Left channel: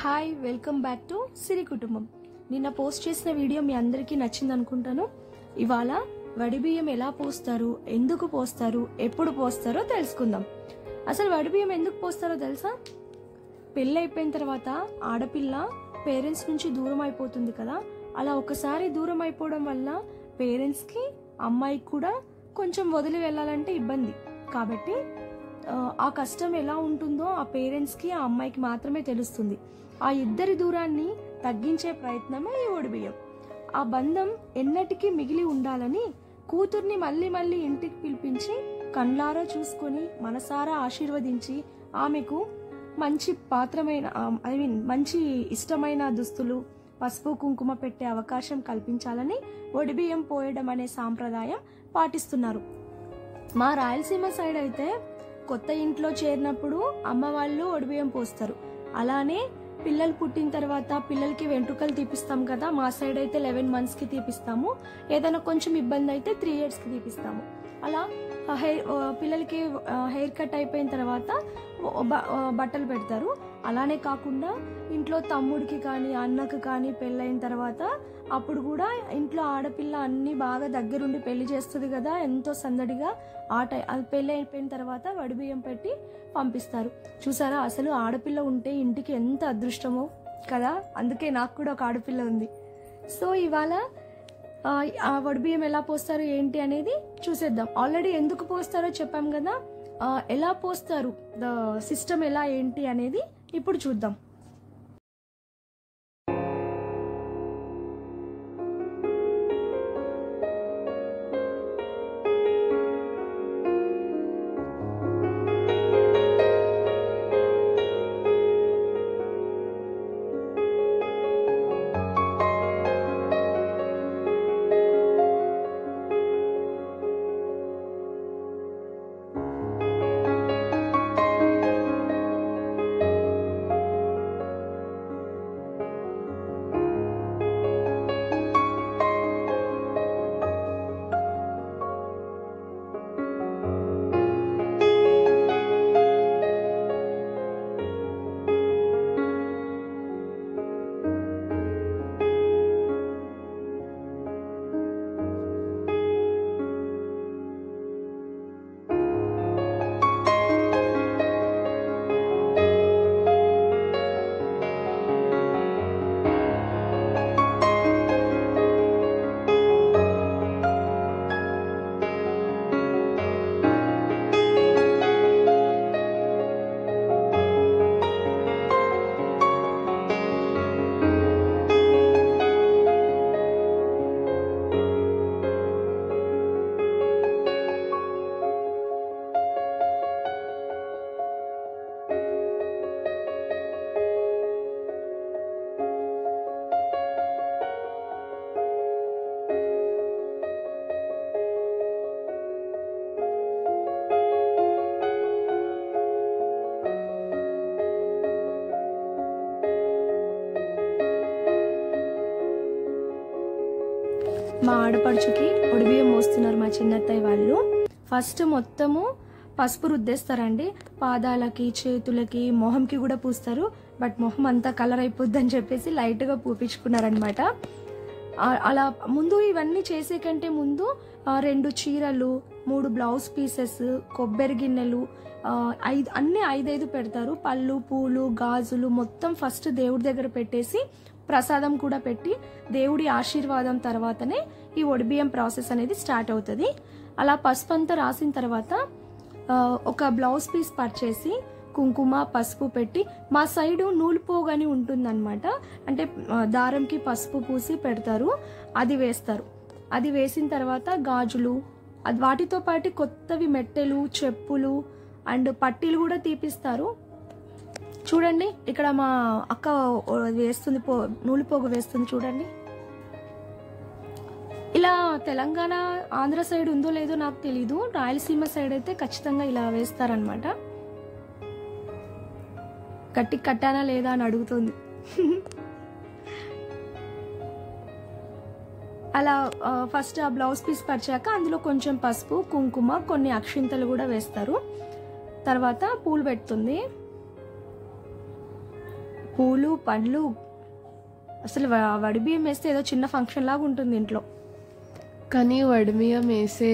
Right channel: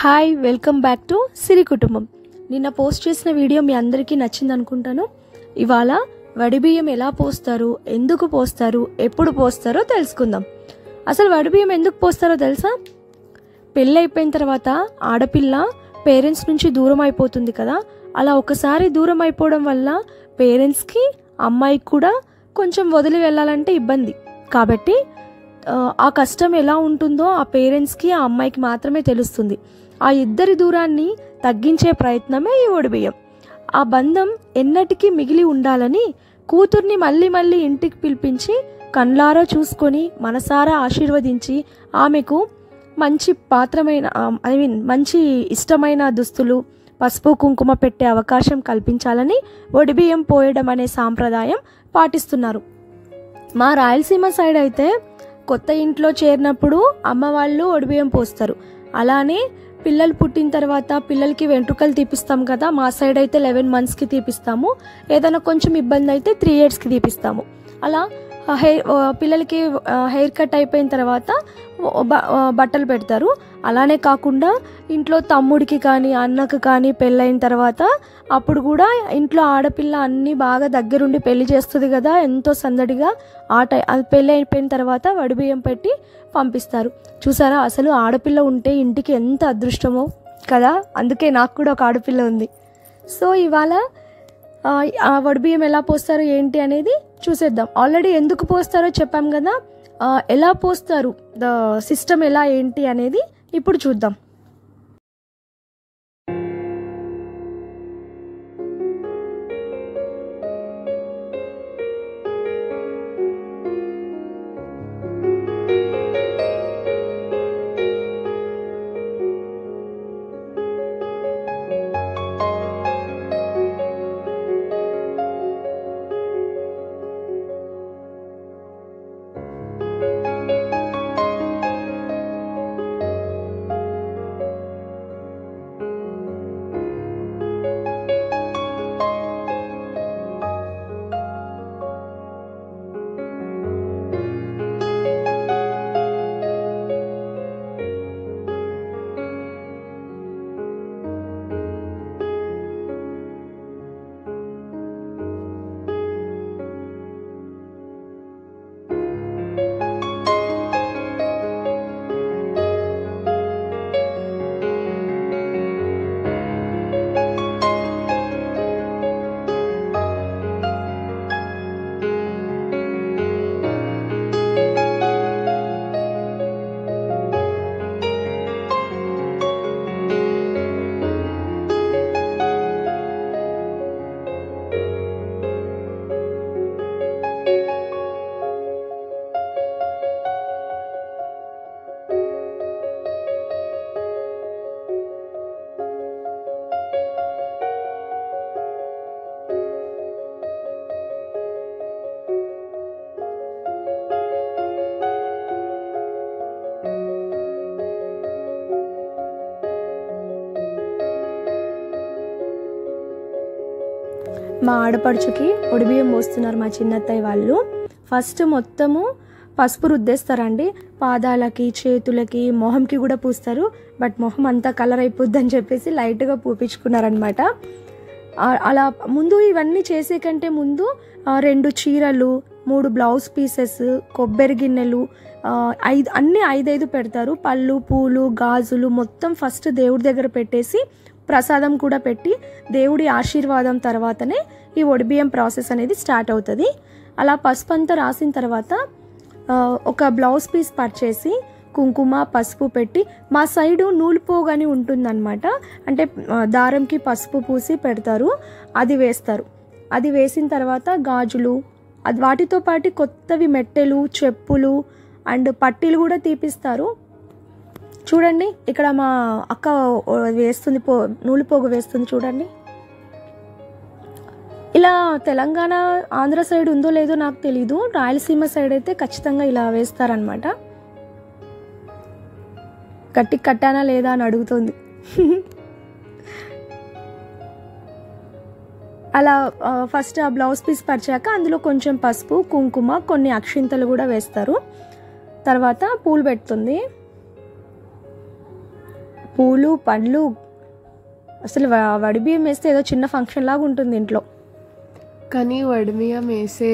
Hi welcome back to సిరి కుటుంబం. నిన్న post చేసిన వీడియో మీ అందరికీ నచ్చింది అనుకుంటాను. ఇవాళ వడిబియ్యం ఎలా పోస్తారు, ఎందుకు పోస్తారు, ఎప్పుడు పోస్తారో తెలుసుకుందాం. అసలు వడిబియ్యం ఎందుకు పోస్తారో తెలుసా? పెళ్ళి అయిపోయిన తర్వాత ఆడపిల్ల పేరెంట్స్ నుంచి దూరం అయిపోతుంది కదా. అలా ఒకసారి దూరం అయిపోవడం వల్ల పేరెంట్స్కి అమ్మాయికి కూడా కొంచెం వదిలి వెళ్ళాలంటే ఇబ్బంది. కాబట్టి ఆ కష్టం ఎలా ఉంటుందో ఆ పేరెంట్స్కి ఆ అమ్మాయికి మాత్రమే తెలుస్తుంది. ఆ ఇద్దరి దూరాన్ని తగ్గించే ప్రయత్నమే ఈ వడిబియ్యం. ఆ బంధం ఎన్నటికీ మిగిలి ఉండాలని కూతుర్ని మళ్ళీ మళ్ళీ ఇంటికి పిలిపించి కళ్ళారా చూసుకొని మనసారా ఆశీర్వదించి ఆమెకు మంచి మంచి ఇష్టమైన దుస్తులు, పసుపు కుంకుమ పెట్టే అవకాశం కల్పించాలని వడిబియ్యం పోయడం అనే సాంప్రదాయం పాటిస్తున్నారు. మా రాయలసీమ సైడ్ అయితే కొత్త ఇంట్లో చేరినప్పుడు అమ్మ వాళ్ళు వడిబియ్యం పోస్తారు. అలానే పిల్లలు పుట్టిన తర్వాత పిల్లలకి వెంట్రుకలు తీపిస్తాం కదా. మా సైడ్ అయితే 11 monthsకి తీపిస్తాము. ఏదైనా కొంచెం ఇబ్బంది అయితే 3 yearsకి తీపిస్తాము. అలా పిల్లలకి హెయిర్ కట్ అయిపోయిన తర్వాత బట్టలు పెడతారు. అలానే కాకుండా ఇంట్లో తమ్ముడికి కానీ అన్నకు కానీ పెళ్ళైన తర్వాత అప్పుడు కూడా ఇంట్లో ఆడపిల్ల అన్నీ బాగా దగ్గరుండి పెళ్లి చేస్తుంది కదా, ఎంతో సందడిగా. పెళ్ళి అయిపోయిన తర్వాత వడిబియ్యం పెట్టి పంపిస్తారు. చూసారా, అసలు ఆడపిల్ల ఉంటే ఇంటికి ఎంత అదృష్టమో కదా. అందుకే నాకు కూడా ఒక ఆడపిల్ల ఉంది. సో ఇవాళ వడిబియ్యం ఎలా పోస్తారు ఏంటి అనేది చూసేద్దాం. ఆల్రెడీ ఎందుకు పోస్తారో చెప్పాం కదా, ఎలా పోస్తారు, ద సిస్టమ్ ఎలా ఏంటి అనేది ఇప్పుడు చూద్దాం. మా ఆడపడుచుకి వడిబియ్యం పోస్తున్నారు మా చిన్నత్తయ్య వాళ్ళు. ఫస్ట్ మొత్తము పసుపు రుద్దేస్తారండి. పాదాలకి, చేతులకి, మొహంకి కూడా పూస్తారు. బట్ మొహం అంతా కలర్ అయిపోద్ది అని చెప్పేసి లైట్గా పూపించుకున్నారనమాట. అలా ముందు ఇవన్నీ చేసే కంటే ముందు 2 చీరలు, 3 బ్లౌజ్ పీసెస్, కొబ్బరి గిన్నెలు, అన్ని 5 పెడతారు. పళ్ళు, పూలు, గాజులు మొత్తం ఫస్ట్ దేవుడి దగ్గర పెట్టేసి ప్రసాదం కూడా పెట్టి దేవుడి ఆశీర్వాదం తర్వాతనే ఈ వడిబియ్యం ప్రాసెస్ అనేది స్టార్ట్ అవుతుంది. అలా పసుపు అంతా రాసిన తర్వాత ఒక బ్లౌజ్ పీస్ పర్చేసి కుంకుమ, పసుపు పెట్టి, మా సైడు నూలుపోగు అని ఉంటుందన్నమాట. అంటే దారంకి పసుపు పూసి పెడతారు, అది వేస్తారు. అది వేసిన తర్వాత గాజులు, వాటితో పాటు కొత్తవి మెట్టెలు, చెప్పులు అండ్ పట్టీలు కూడా తీపిస్తారు. చూడండి, ఇక్కడ మా అక్క వేస్తుంది, నూలుపోగు వేస్తుంది చూడండి. ఇలా తెలంగాణ, ఆంధ్ర సైడ్ ఉందో లేదో నాకు తెలీదు. రాయలసీమ సైడ్ అయితే ఖచ్చితంగా ఇలా వేస్తారనమాట. గట్టి కట్టానా లేదా అని అడుగుతుంది. అలా ఫస్ట్ ఆ బ్లౌజ్ పీస్ పరిచాక అందులో కొంచెం పసుపు, కుంకుమ, కొన్ని అక్షింతలు కూడా వేస్తారు. తర్వాత పూలు పెడుతుంది. పూలు పండ్లు, అసలు వడిబియ్యం వేస్తే ఏదో చిన్న ఫంక్షన్ లాగా ఉంటుంది ఇంట్లో. కానీ వడిబియ్యం వేసే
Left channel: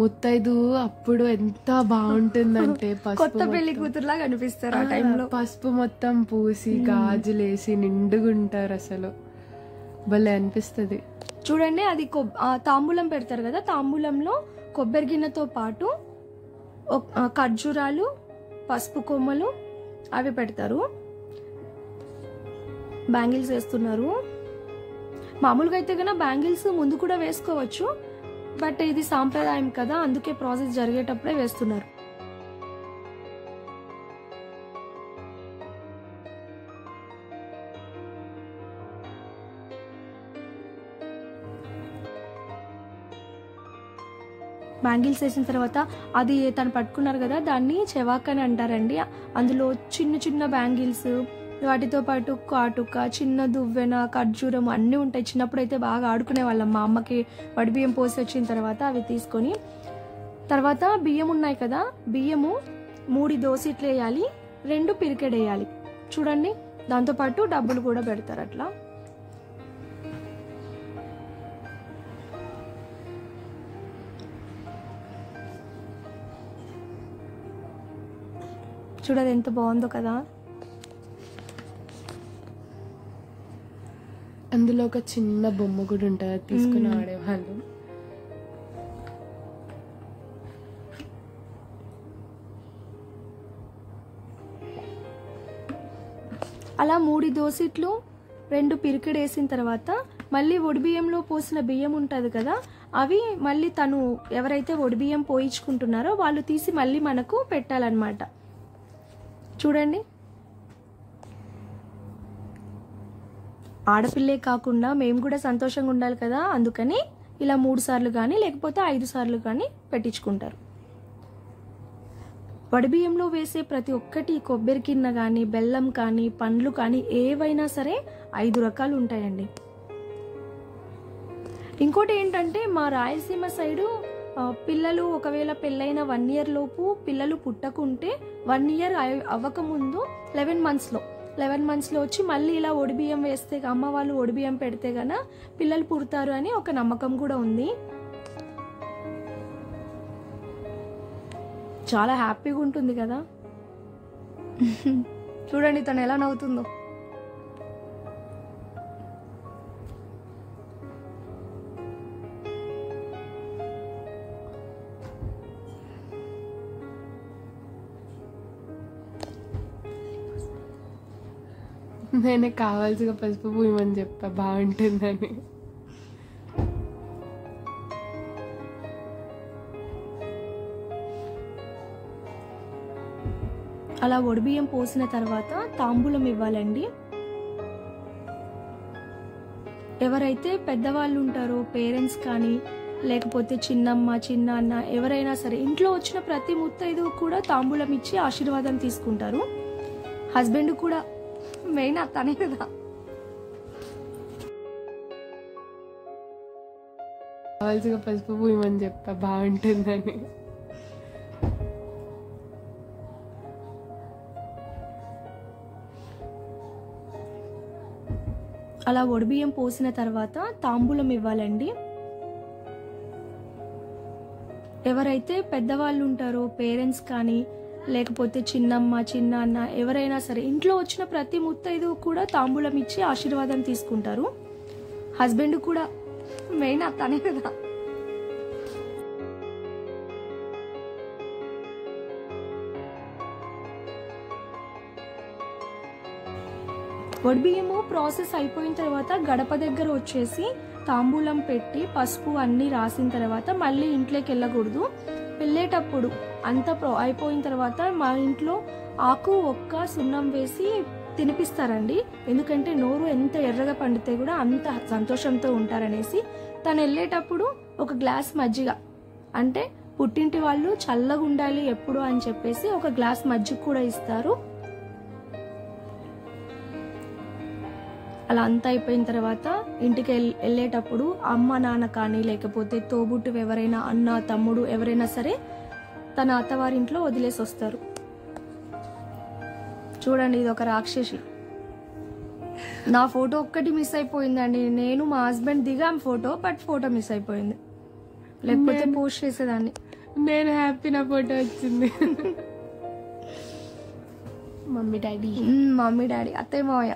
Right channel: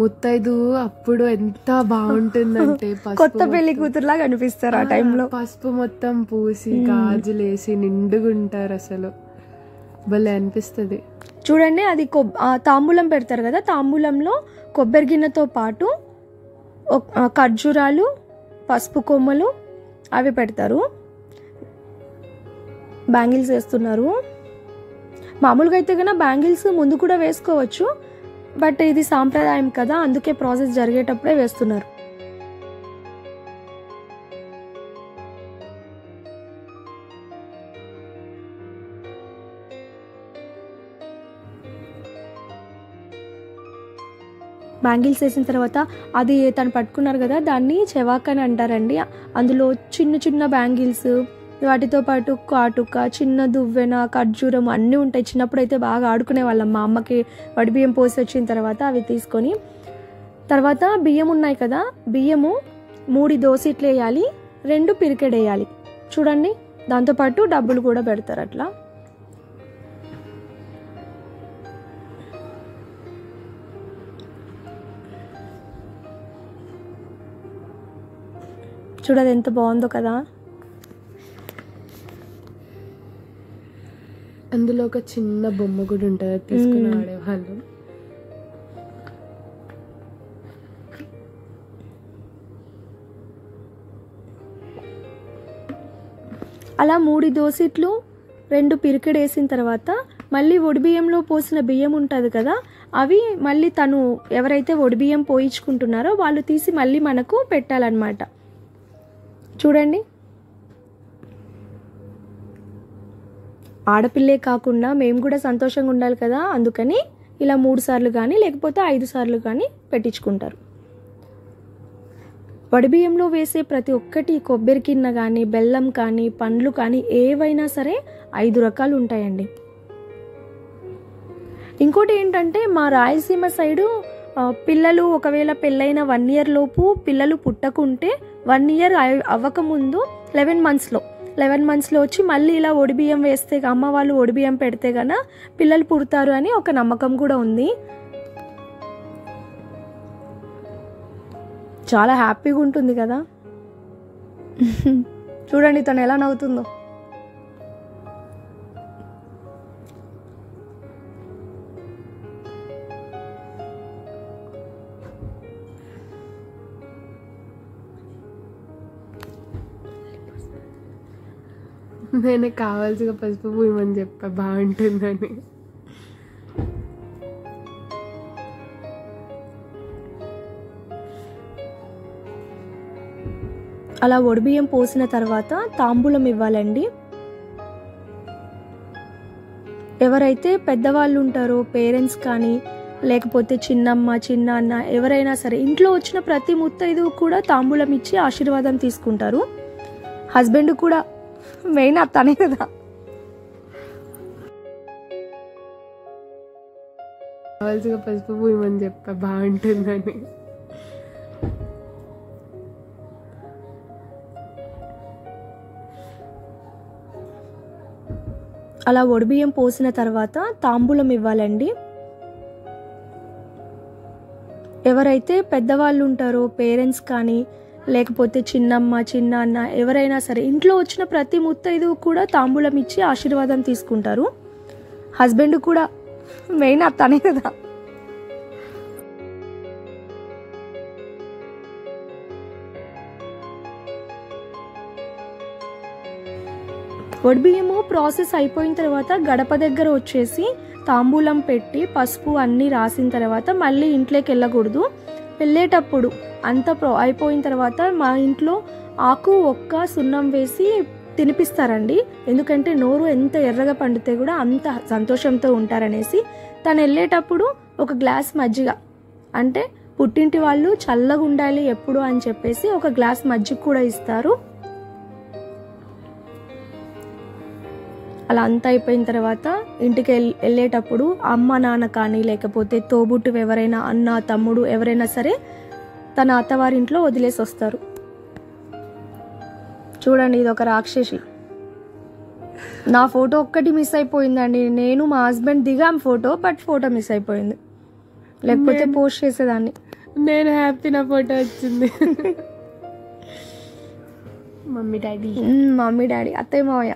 ముత్తైదు అప్పుడు ఎంత బాగుంటుందంటే కొత్త పెళ్లి కూతురులాగా అనిపిస్తారు ఆ టైంలో. పసుపు మొత్తం పూసి గాజులేసి నిండుగుంటారు, అసలు భలే అనిపిస్తుంది. చూడండి, అది తాంబూలం పెడతారు కదా, తాంబూలంలో కొబ్బరి గిన్నెతో పాటు ఖర్జూరాలు, పసుపు కొమ్మలు అవి పెడతారు. బ్యాంగిల్స్ వేస్తున్నారు. మామూలుగా అయితే కన్నా బ్యాంగిల్స్ ముందు కూడా వేసుకోవచ్చు, బట్ ఇది సాంప్రదాయం కదా, అందుకే ప్రాసెస్ జరిగేటప్పుడే వేస్తున్నారు. బ్యాంగిల్స్ వేసిన తర్వాత అది తను పట్టుకున్నారు కదా, దాన్ని చెవాక్ అని అంటారండి. అందులో చిన్న చిన్న బ్యాంగిల్స్, వాటితో పాటు కాటుక, చిన్న దువ్వెన, ఖర్జూరం అన్నీ ఉంటాయి. చిన్నప్పుడు అయితే బాగా ఆడుకునే వాళ్ళం. మా అమ్మకి వడిబియ్యం పోసి వచ్చిన తర్వాత అవి తీసుకొని, తర్వాత బియ్యం ఉన్నాయి కదా, బియ్యము 3 దోసిట్లు వేయాలి, 2 పిరికెడేయాలి. చూడండి, దాంతోపాటు డబ్బులు కూడా పెడతారు. అట్లా చూడదు ఎంత బాగుందో కదా. అందులో ఒక చిన్న బొమ్మ కూడా ఉంటుంది, తీసుకుని ఆడేవాళ్ళం. అలా 3 దోసిట్లు 2 పిరికెడు వేసిన తర్వాత మళ్ళీ ఒడిబియ్యంలో పోసిన బియ్యం ఉంటుంది కదా, అవి మళ్ళీ తను ఎవరైతే ఒడిబియ్యం పోయించుకుంటున్నారో వాళ్ళు తీసి మళ్ళీ మనకు పెట్టాలన్నమాట. చూడండి, ఆడపిల్లే కాకుండా మేము కూడా సంతోషంగా ఉండాలి కదా, అందుకని ఇలా 3 సార్లు కానీ లేకపోతే 5 సార్లు కానీ పెట్టించుకుంటారు. వడిబియ్యంలో వేసే ప్రతి ఒక్కటి కొబ్బరి కిన్న కానీ, బెల్లం కానీ, పండ్లు కానీ ఏవైనా సరే 5 రకాలు ఉంటాయండి. ఇంకోటి ఏంటంటే, మా రాయలసీమ సైడు పిల్లలు ఒకవేళ పెళ్ళైన 1 ఇయర్ లోపు పిల్లలు పుట్టకుంటే 1 ఇయర్ అవ్వకముందు 11 మంత్స్లో వచ్చి మళ్ళీ ఇలా ఒడిబియ్యం వేస్తే, అమ్మ వాళ్ళు ఒడిబియ్యం పెడితే గన పిల్లలు పుడతారు అని ఒక నమ్మకం కూడా ఉంది. చాలా హ్యాపీగా ఉంటుంది కదా. చూడండి తను ఎలా నవ్వుతుందో. నేనే కావాల్సిన పసుపు పూయమని చెప్పా, బాగుంటుందని. అలా ఒడిబియ్యం పోసిన తర్వాత తాంబూలం ఇవ్వాలండి. ఎవరైతే పెద్దవాళ్ళు ఉంటారో, పేరెంట్స్ కానీ లేకపోతే చిన్నమ్మ, చిన్నాన్న, ఎవరైనా సరే ఇంట్లో వచ్చిన ప్రతి ముత్తైదు కూడా తాంబూలం ఇచ్చి ఆశీర్వాదం తీసుకుంటారు. హస్బెండ్ కూడా మెయిన్ అతనే కదా. కావాల్సిన పసుపు పూయమని చెప్పా, బాగుంటుందని. అలా ఒడిబియ్యం పోసిన తర్వాత తాంబూలం ఇవ్వాలండి. ఎవరైతే పెద్దవాళ్ళు ఉంటారో, పేరెంట్స్ కానీ లేకపోతే చిన్నమ్మ, చిన్నాన్న, ఎవరైనా సరే ఇంట్లో వచ్చిన ప్రతి ముత్తైదు కూడా తాంబూలం ఇచ్చి ఆశీర్వాదం తీసుకుంటారు. హస్బెండ్ కూడా మెయిన్ అతనే కదా. వడిబియ్యము ప్రాసెస్ అయిపోయిన తర్వాత గడప దగ్గర వచ్చేసి తాంబూలం పెట్టి పసుపు అన్నీ రాసిన తర్వాత మళ్ళీ ఇంట్లోకి వెళ్ళకూడదు. వెళ్ళేటప్పుడు అంతా అయిపోయిన తర్వాత మా ఇంట్లో ఆకు ఒక్క సున్నం వేసి తినిపిస్తారండి. ఎందుకంటే నోరు ఎంత ఎర్రగా పండితే కూడా అంత సంతోషంతో ఉంటారనేసి. తను వెళ్ళేటప్పుడు ఒక గ్లాస్ మజ్జిగ, అంటే పుట్టింటి వాళ్ళు చల్లగా ఉండాలి ఎప్పుడు అని చెప్పేసి ఒక గ్లాస్ మజ్జిగ కూడా ఇస్తారు. అలా అంతా అయిపోయిన తర్వాత ఇంటికి వెళ్ళేటప్పుడు అమ్మ నాన్న కానీ లేకపోతే తోబుట్టు ఎవరైనా, అన్న తమ్ముడు ఎవరైనా సరే తన అత్తవారింట్లో వదిలేసి వస్తారు. చూడండి, ఇది ఒక రాక్షసి. నా ఫోటో ఒక్కటి మిస్ అయిపోయిందండి. నేను మా హస్బెండ్ దిగాం ఫోటో, బట్ ఫోటో మిస్ అయిపోయింది. లేకపోతే పోస్ట్ చేసేదాన్ని. నేను హ్యాపీ, నా ఫోటో వచ్చింది. మమ్మీ డాడీ, మమ్మీ డాడీ, అత్తయ్య మావయ్య,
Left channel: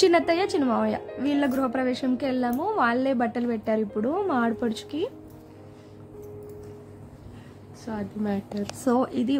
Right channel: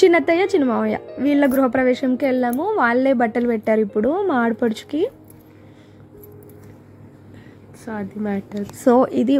చిన్నత్తయ్య చిన్న మావయ్య వీళ్ళ గృహప్రవేశంకి వెళ్ళాము. వాళ్ళే బట్టలు పెట్టారు ఇప్పుడు మా ఆడపడుచుకి. సో అది మ్యాటర్. సో ఇది